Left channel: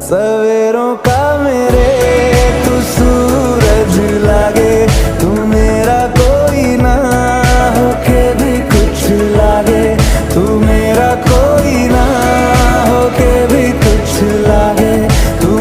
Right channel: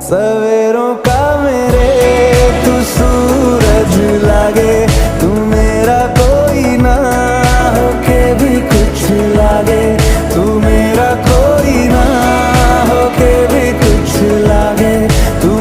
सवेरों का मेरे तू सूरज लागे, तू मेरा कोई ना होके भी कुछ लागे, तू मेरा कोई ना होके भी कुछ लागे, तू